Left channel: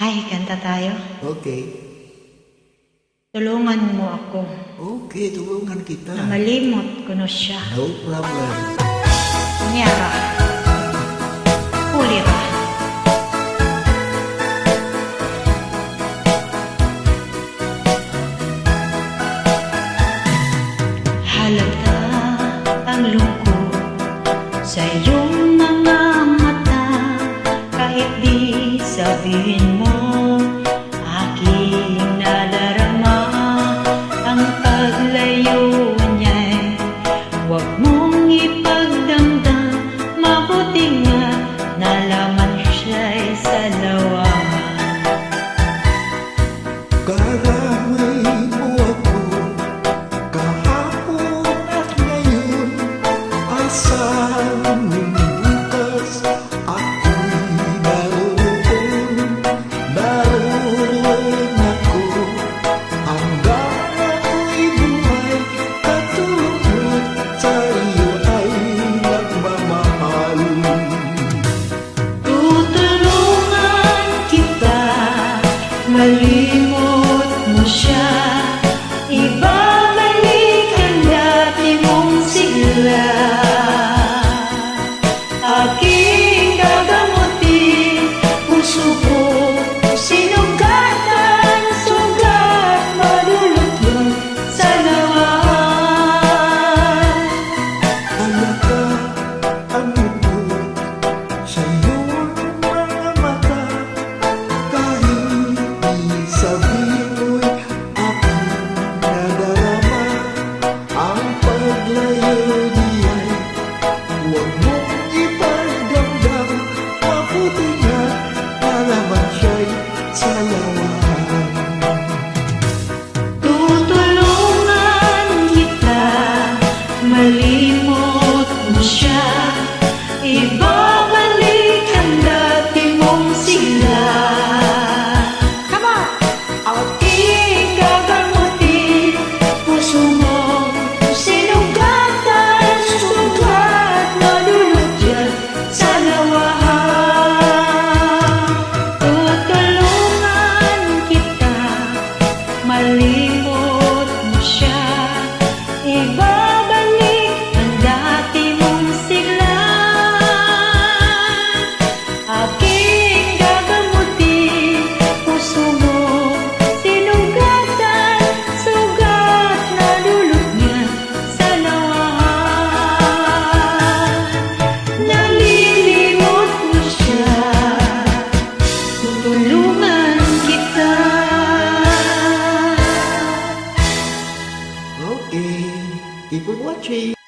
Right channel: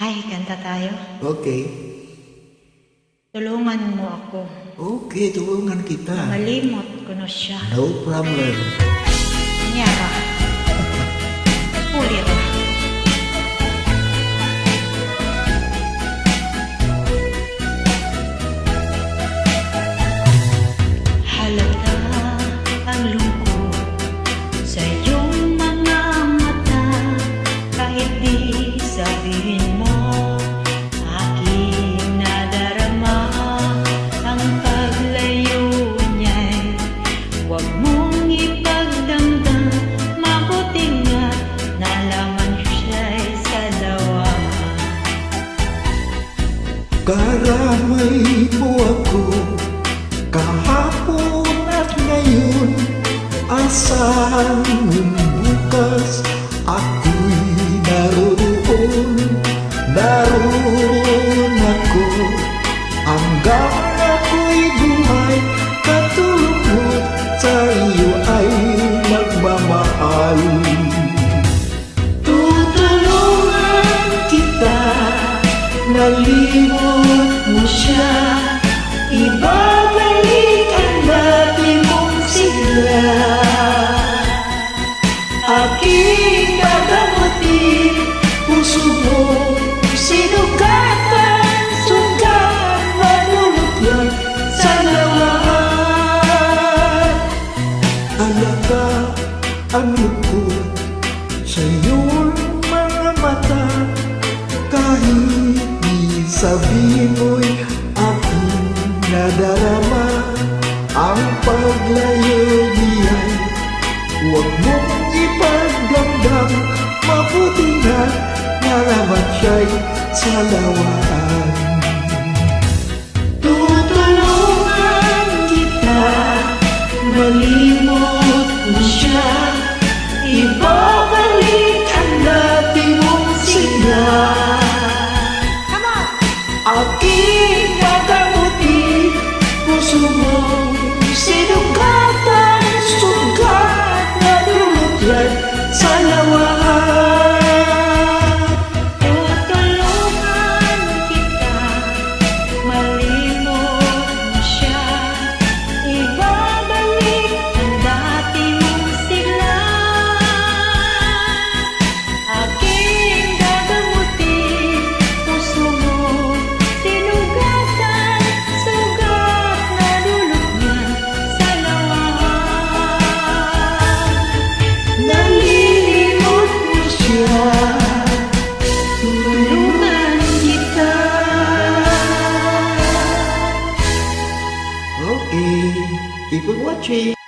Ay, kanta tayo. Okay. Tulungan mo ako. Okay, tulungan kita. Na malimot ko na siya. No problem. Nyara. Pulira. Halata ang lungkot sa iyong mga mata. Kahit di sabihin mo, aking nadarama ang paglayo niya'y huwag mong ipagdamdam. Mabuti nga nalaman siya'y sa lawahan. Karamay mo ako kahapon at ngayon. Asahan mong bukas ako'y naroon. Naroon ako hanggang ako'y buhay. Katulog mo't sa iyo ay nagmamahal. Tutulungan kita, malimot mo siya. Ibabalik ang dati mong sigla. Aking gagamutin, puso mo sinugatan. Sugat madulot yun sa lawan. Alaka ang lungkot sa iyong mga mata. Kahit di sabihin mo'y aking nadarama ang paglayo niya'y huwag mong ipagdamdam. Mabuti nga nalaman siya'y sa lawahan. Tutulungan kita, malimot mo siya. Ibabalik ang dati mong sigla. Come on! Aking gagamutin, puso mong sinugatan. Sugat na dulot yan sa lawahan. Tutulungan kita, malimot mo siya. Ibabalik ang dati mong sigla. Aking gagamutin, puso mo sinugatan. Sugat na dulot niya sa lawahan. Nalilimot mo siya, tutulungan kita. Okay, keep on watching.